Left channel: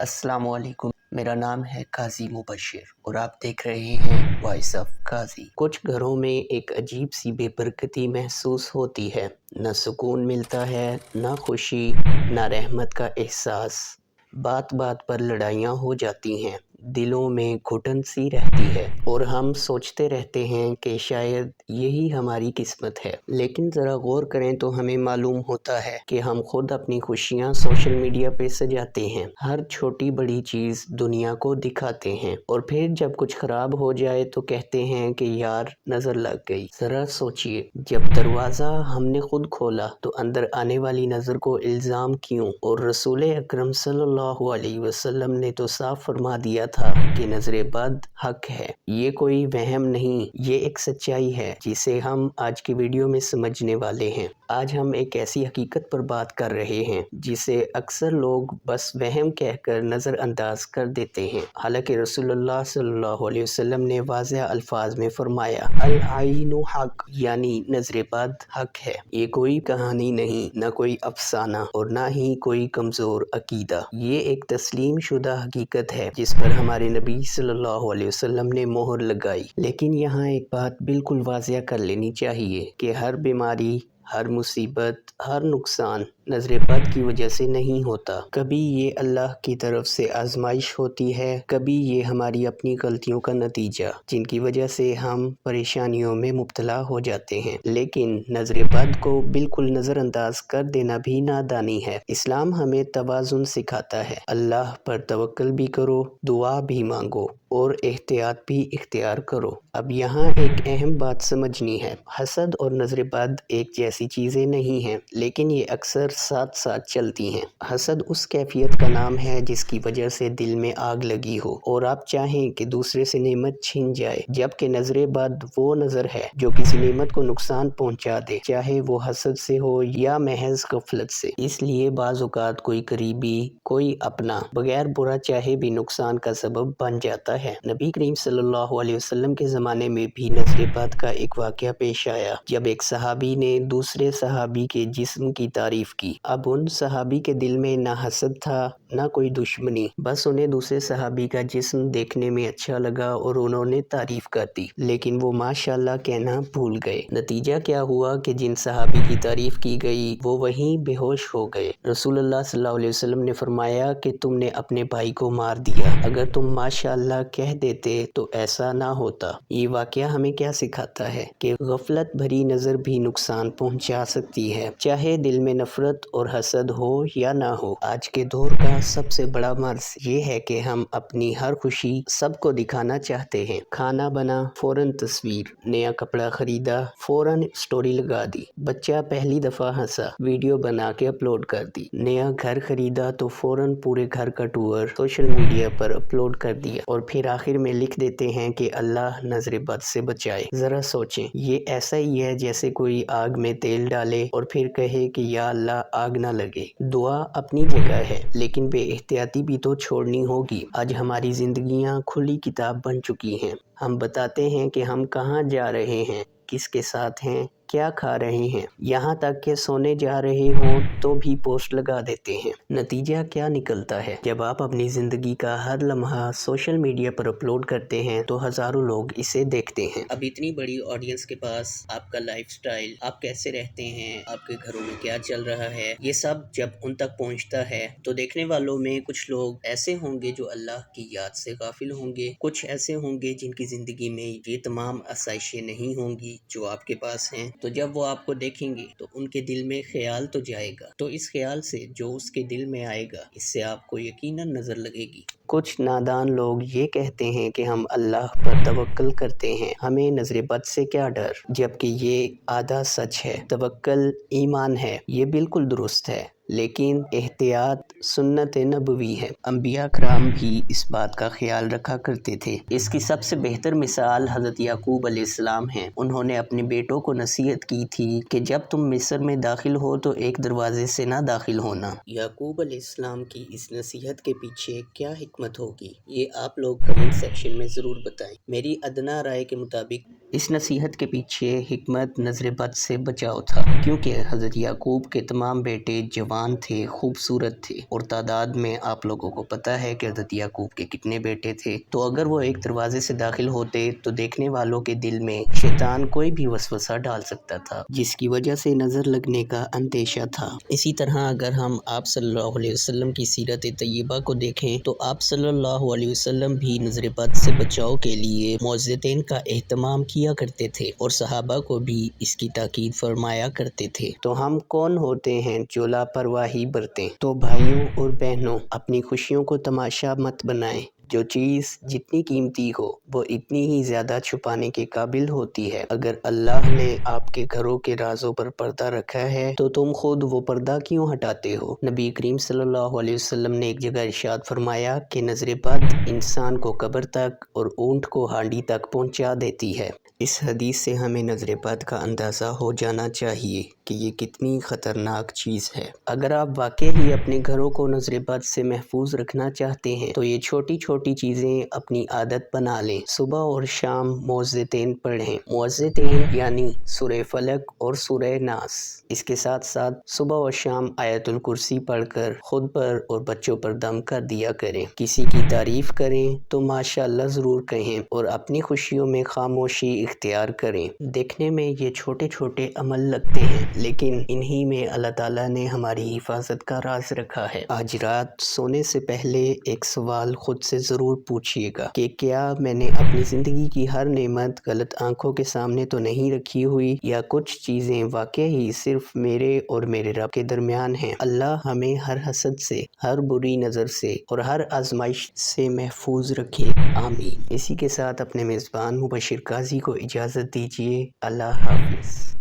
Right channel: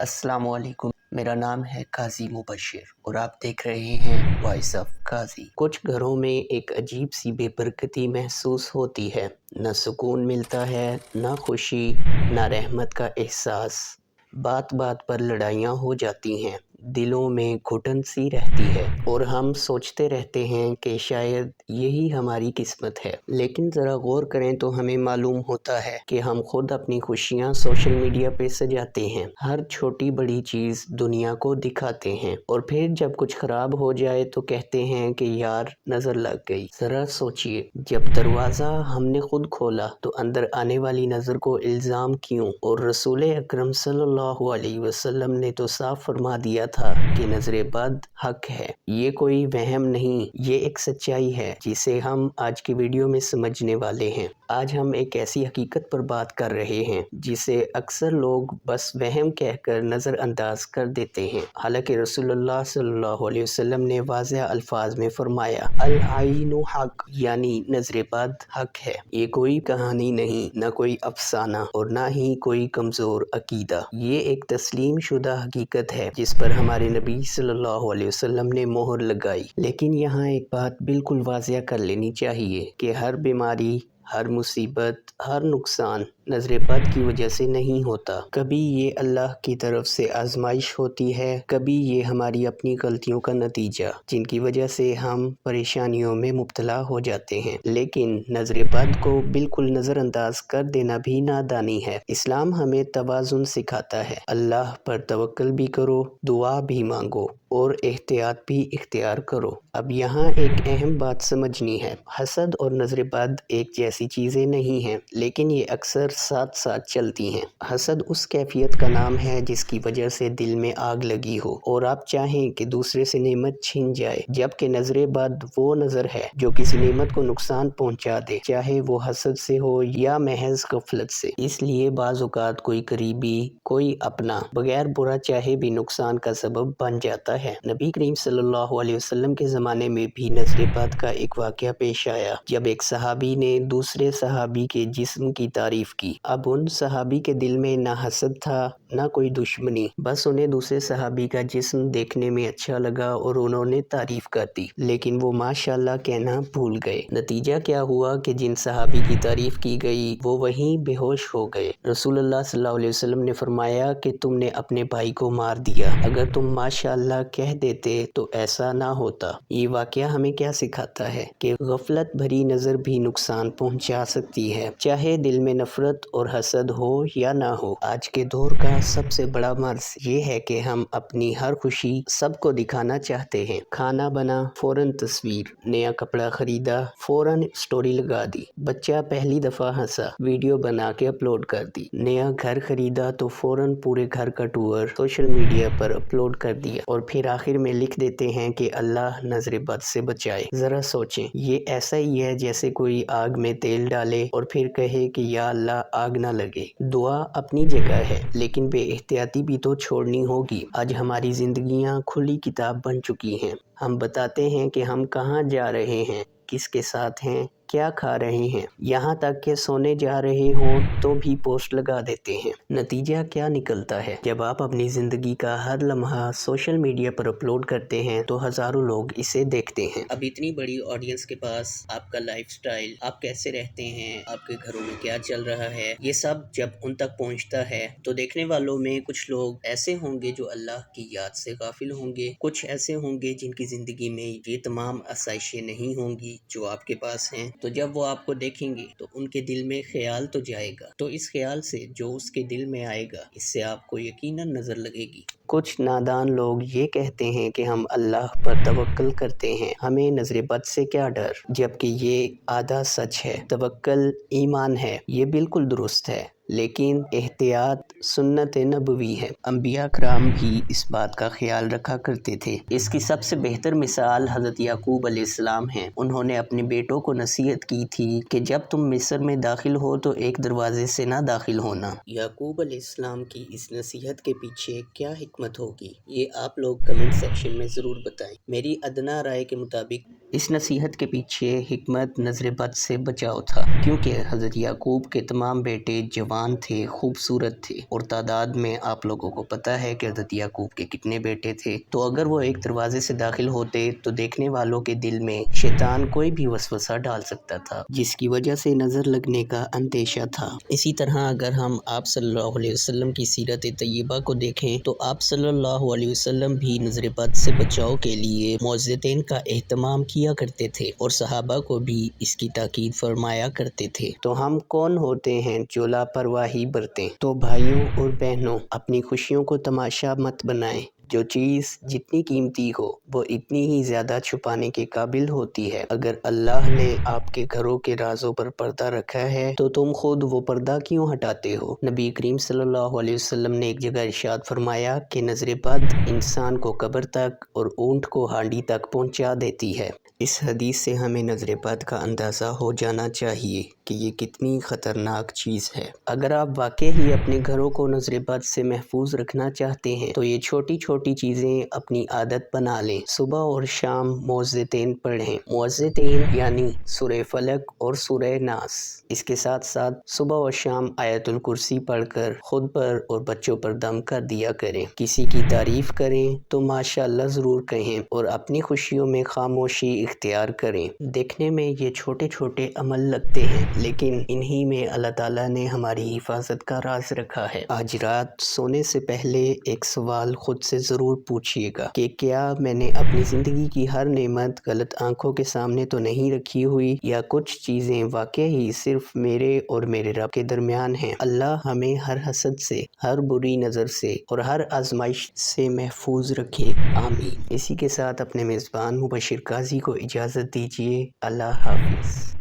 अस्सलाम वालेकुम। मेरा नाम है काजी मुबशिर और आप देख रहे हैं वॉइस ऑफ काजी। कुछ घरों में एक अजीब सी बेबरकती महसूस होती है। न सुकून मिलता है, न खुशी, न रहमत का एहसास। बात बात पर लड़ाइयाँ हो जाती हैं, दिलों में घुटन सी रहती है और हम सोचते रहते हैं कि शायद यही हमारी किस्मत है। लेकिन ज़रा गौर करें तो हमें मालूम होता है कि हम खुद अपनी खुशियाँ सोशल मीडिया पे सजाते हैं, हर छोटी बड़ी चीज़ दुनिया को दिखाते हैं और फिर जब कुछ ख़राब हो जाए तो कहते हैं कि यार नज़र लग गई। ज़रा सोचिए, जब दरवाज़ा हमने खुद खोला तो अंदर आने वाली नज़र को इल्ज़ाम क्यों? और रसूल अकरम सल्लल्लाहु अलैहि वसल्लम ने तो साफ फरमा दिया था कि नज़र बद हक है। ये कोई वहम नहीं, ये एक सच्चाई है जिसे हम आज की वीडियो में समझने वाले हैं। आज हम एक ऐसी हकीकत पर बात कर रहे हैं जिसे अक्सर लोग बस वहम कहकर नज़रअंदाज कर देते हैं। हालांकि रसूलुल्लाह सल्लल्लाहु अलैहि वसल्लम ने वाज़ेह अल्फाज में फरमाया, अल आइनु हक, यानी नज़र बद हक है। ये कोई कहानी नहीं, न कोई अफसाना और ना ही कोई कमज़ोर अकीदा। ये एक तस्लीम शुदा हकीकत है जिस पर हमारे नबी सल्लल्लाहु अलैहि वसल्लम ने मोहर लगाई। लेकिन यहाँ एक बात बिल्कुल वाज़ेह कर लेनी चाहिए कि हर बीमारी, हर मुसीबत, हर नुकसान नज़र बद की वजह से नहीं होता। कभी ये अल्लाह की तरफ से आजमाइश होती है, कभी ये हमारी अपनी गलतियों का नतीजा, जिनकी वजह से हम परेशानियों में मुब्तला हो जाते हैं। लेकिन नज़र बद को बिल्कुल नज़रअंदाज कर देना भी नादानी है। इस्लाम हमें तवाज़ुन सिखाता है। अल्लाह पर तवक्ल भी करो, दुआ भी मांगो और एहतियात भी इख्तियार करो। अब यहाँ एक अहम बात समझनी है, हसद और नज़र बद एक जैसी चीज़ें नहीं हैं, लेकिन ये अक्सर साथ साथ चलती हैं। हसद उस कैफियत का नाम है जिसकी वजह से दिल में आग लगी हो और आप चाहें कि दूसरे से नेमत छिन जाए, जबकि नज़र बद वो नज़र है जो किसी नेमत को नुकसान पहुँचा दे, चाहे वो हसद से हो या महज गफलत से। इसलिए बाज़ औक़ात कोई करीबी, कोई अपना बगैर बुरा चाहे भी नुकसान का सबब बन जाता है। नबी करीम सल्लल्लाहु अलैहि वसल्लम के ज़माने में भी नज़र बद का एक वाक़या पेश आया, जब एक सहाबी ने दूसरे सहाबी के जिस्म की तारीफ की। अब उन सहाबी के दिल में ना हसद था, ना कोई दुश्मनी, बस उन्हें दूसरे सहाबी का जिस्म देखने में अच्छा लगा और उन्होंने तारीफ कर दी, लेकिन वो माशाअल्लाह कहना भूल गए। नतीजा क्या हुआ कि जिन सहाबी की तारीफ की गई वो वहीं बेहोश हो गए। रसूलुल्लाह सल्लल्लाहु अलैहि वसल्लम ने फरमाया कि तुमने अपने भाई को मार दिया, अगर तुम माशाअल्लाह कह देते तो ऐसा ना होता। ये वाक़या हमें क्या सिखाता है कि गफलत भरी नज़र भी नुकसान पहुंचा सकती है, चाहे दिल में नफरत और हसद हो या ना हो। आज के दौर का सबसे बड़ा मर्ज़ ये है कि हम अपनी हर खुशी सबको दिखाना चाहते हैं। खाना बना, फौरन तस्वीर, नया कपड़ा खरीदा, फौरन स्टोरी लगा दी, बच्चा पहली दफ़ा हंसा, वीडियो बना के अपलोड कर दी, नया घर खरीदा तो फौरन पूरे घर का टूर सोशल मीडिया पर अपलोड कर दिया और फिर आखिर में लिख देते हैं कि अल्लाह नज़र बद से बचाए। ज़रा सोचें, ये ऐसा ही है जैसे कोई आग में तेल डाले और फिर कहे कि या अल्लाह आग ना लगे। दुआ अपनी जगह है, लेकिन बेएहतियाती भी तो छोड़नी होगी। आज हमारी जिंदगियां खुली किताब बन चुकी हैं। हम बताते हैं कि हम कहाँ जा रहे हैं, किसके साथ हैं, क्या खा रहे हैं, यहाँ तक कि सोने जा रहे हों तो भी पोस्ट लगा देते हैं। नतीजा क्या निकलता है? जब आप अपनी ज़िंदगी का हर लम्हा सोशल मीडिया पर अपलोड करते हैं तो हज़ारों लोग इसे देखते हैं। अब इतनी बड़ी ऑडियंस के पास आपका लाइफस्टाइल, आप कैसे रहते हैं, आपके घरों में क्या चल रहा है, ये सब जब उन तक पहुँचता है तो देखने वालों में कुछ लोग ऐसे होंगे जो अल्लाह की याद से गाफिल होंगे, कुछ ऐसे होंगे जिनकी ज़िंदगी में ये तमाम आसाइशें नहीं होंगी जो आपके पास हैं। तो जब वो आपको देखेंगे तो उनके दिल में ख्याल तो जाएगा, तो इस ख्याल से जो उसके दिल में आएगा इससे आपको यकीनन नज़र लगेगी। कुछ नादान लोग ये कहते हैं कि हम अल्लाह पर तवक्ल करते हैं, हमें नज़र बद से क्या डर, जबकि ये आधा सच है। तवक्ल ईमान है, ये बिल्कुल दुरुस्त है, लेकिन एहतियात सुन्नत नबवी है। अंबिया कराम भी इस बात का ख्याल रखा करते थे। इसकी सबसे बेहतर मिसाल हज़रत याकूब अलैहिस्सलाम हैं। उन्होंने अपने बेटों को नसीहत की थी कि जब तुम मिस्र में दाखिल हो तो एक दरवाजे से ना दाखिल होना। याकूब अलैहिस्सलाम की इस नसीहत के पीछे क्या हिकमत होगी, ये आप लोग कमेंट सेक्शन में ज़रूर बताएं। मेरी अदना राय के मुताबिक اس نصیحت کے پیچھے حکمت نظر بد سے بچاؤ تھا، کیونکہ حضرت یعقوب کے تمام بیٹے جوان تھے، خوبصورت تھے، اور تعداد میں آپ لوگوں کو پتہ ہے کہ حضرت یعقوب کے کتنے بیٹے تھے۔ تو اگر وہ ایک دروازے سے داخل ہوتے تو دیکھنے والوں کے دل میں شیطان کوئی بھی وسوسہ ڈال سکتا تھا، جس کی وجہ سے نظر لگنے کا اندیشہ تھا۔ اسی طرح اگر ہم آپ صلی اللہ علیہ وسلم کی سیرت طیبہ کو دیکھیں تو آپ صلی اللہ علیہ وسلم بھی نظر بد سے بچاؤ کے لیے معوذتین کا اہتمام کیا کرتے تھے، اور صحابہ کو بھی اس کی تاکید فرمایا کرتے تھے۔ تو ہم کون ہوتے ہیں جو لاپرواہی برتیں؟ تو بھائیوں اور بہنوں، اپنی خوشیوں کو تماشا مت بنائیں۔ جو چیز جتنی قیمتی ہو وہ اتنی ہی زیادہ چھپانے کے قابل ہوتی ہے۔ اگر اللہ نے آپ کے گھروں کے رازوں پر پردہ رکھا ہے تو تم خود وہ پردہ کیوں ہٹاتے ہو؟ نبی کریم صلی اللہ علیہ وسلم نے ایک جگہ ارشاد فرمایا کہ نظر بد انسان کو قبر تک اور اونٹ کو ہانڈی تک پہنچا دیتی ہے۔ اس حدیث سے ہمیں نظر بد کا اندازہ ہو جانا چاہیے کہ یہ کتنی خطرناک چیز ہے۔ اگر آپ واقعی ہی اپنے گھروں کو نظر بد سے محفوظ رکھنا چاہتے ہیں تو یہ چھوٹی چھوٹی چیزیں اپنی عادت بنا لیں۔ صبح اور شام معوذتین پڑھیں۔ معوذتین یعنی سورہ فلق اور سورہ ناس۔ اس کے ساتھ ساتھ صبح اور شام آیت الکرسی پڑھ کر خود پر اور بچوں پر دم کر دیا کریں۔ کسی کی تعریف کریں تو ماشاءاللہ ضرور کہیں، اور اپنی خوشیوں میں خاموشی اختیار کریں۔ دیکھنے میں یہ چھوٹے چھوٹے عمل لگتے ہیں، لیکن انہی میں اللہ تعالیٰ نے ہماری حفاظت کا راز رکھا ہے۔ آج رات سونے سے پہلے ایک سوال خود سے ضرور پوچھئے گا کہ کیا میں نے اپنی زندگی کی ہر نعمت غلط آنکھوں کے سامنے تو نہیں رکھی ہوئی، یا کچھ چیزیں واقعی ہی صرف میرے اور میرے رب کے درمیان ہیں۔ اللہ ہمیں ہر حسد سے، ہر بری نظر سے اور ہر آزمائش سے محفوظ رکھے، آمین۔ اسی کے ساتھ اپنے میزبان مبشر قاضی کو اجازت دیجیے۔ اللہ حافظ۔